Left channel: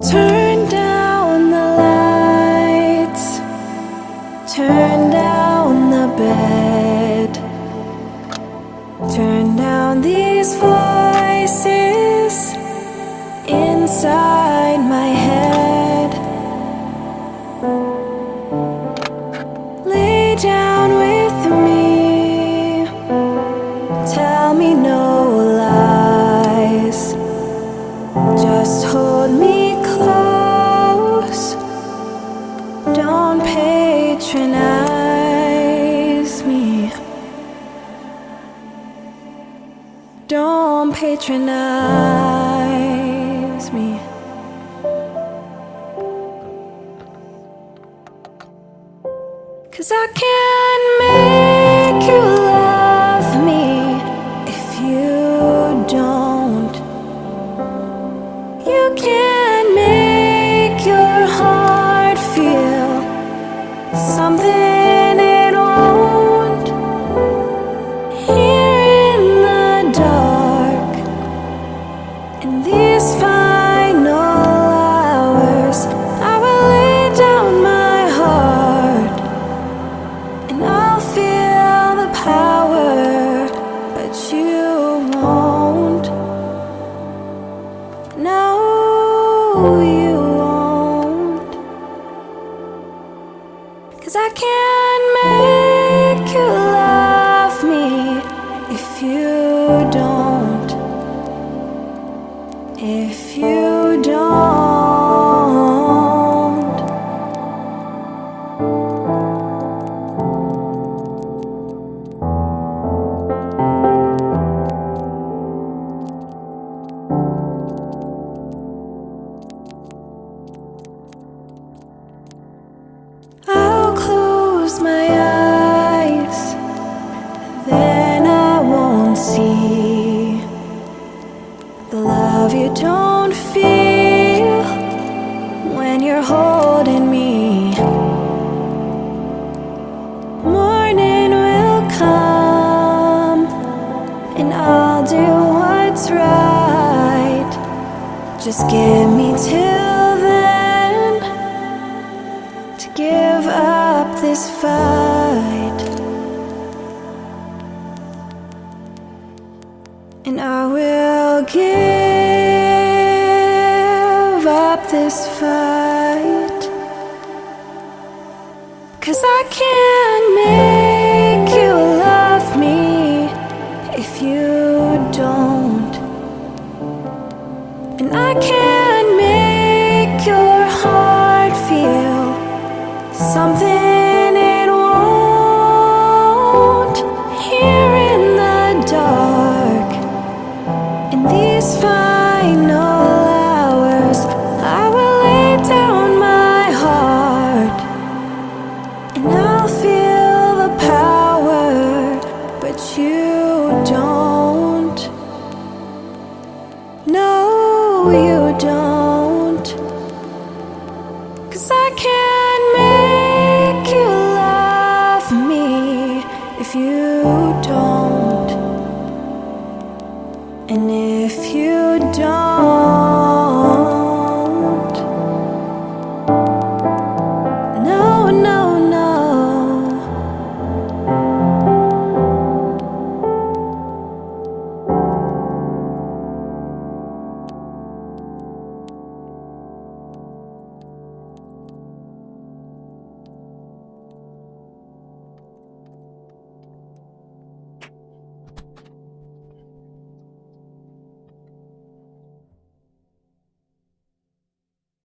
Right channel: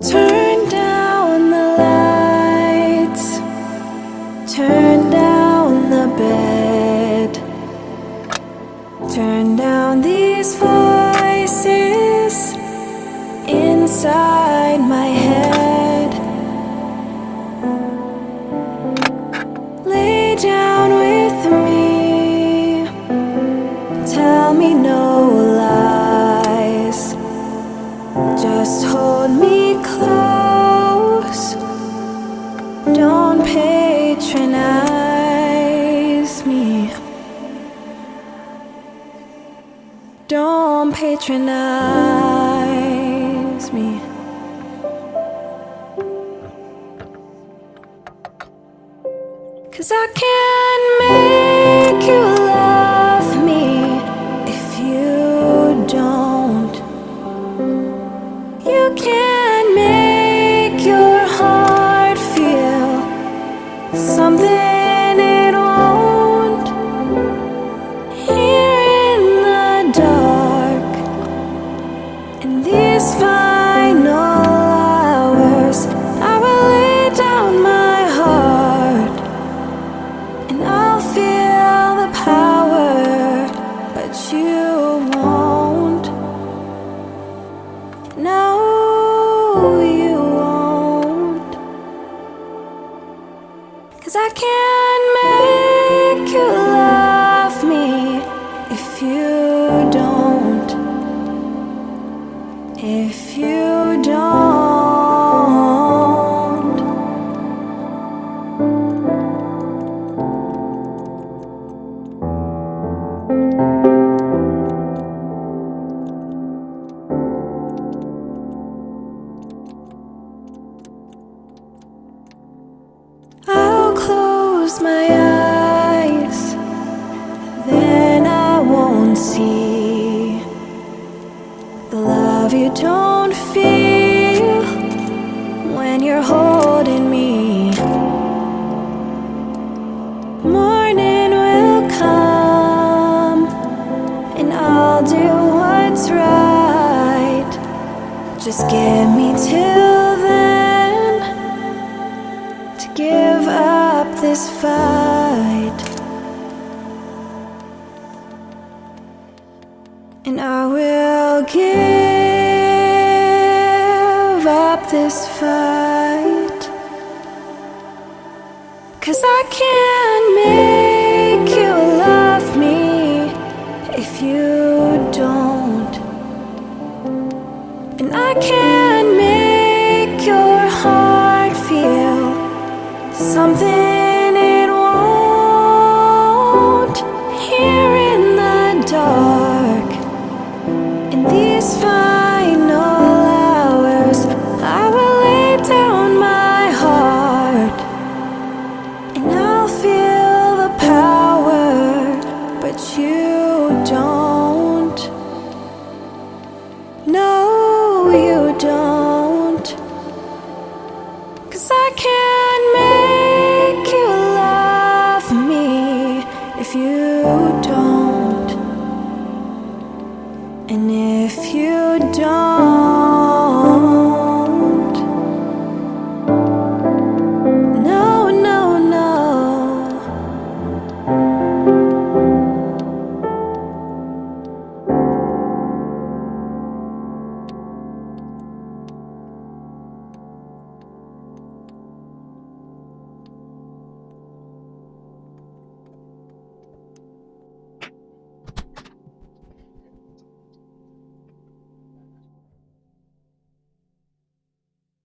Turn down the lights, turn down the bed, turn down these voices inside my head. Lay down with me, tell me no lies, just hold me close, don't patronize me, don't patronize me. Cause I can't make you love me if you don't. You can't make your heart feel something it won't. Here in the dark, in these final hours, I will lay down my heart and I'll feel the power, but you won't. No, you won't. Cause I can't make you love me if you don't. If you don't. I'll close my eyes, then I won't see the love you don't feel when you're holding me. Morning will come and I'll do what's right. Just give me till then to give up this fight, and I will give up this fight. Cause I can't make you love me if you don't, and I can't make your heart feel something it won't. Here in the dark, in these final hours, I will lay down my heart and I'll feel the power, but you don't. No, you don't. Cause I can't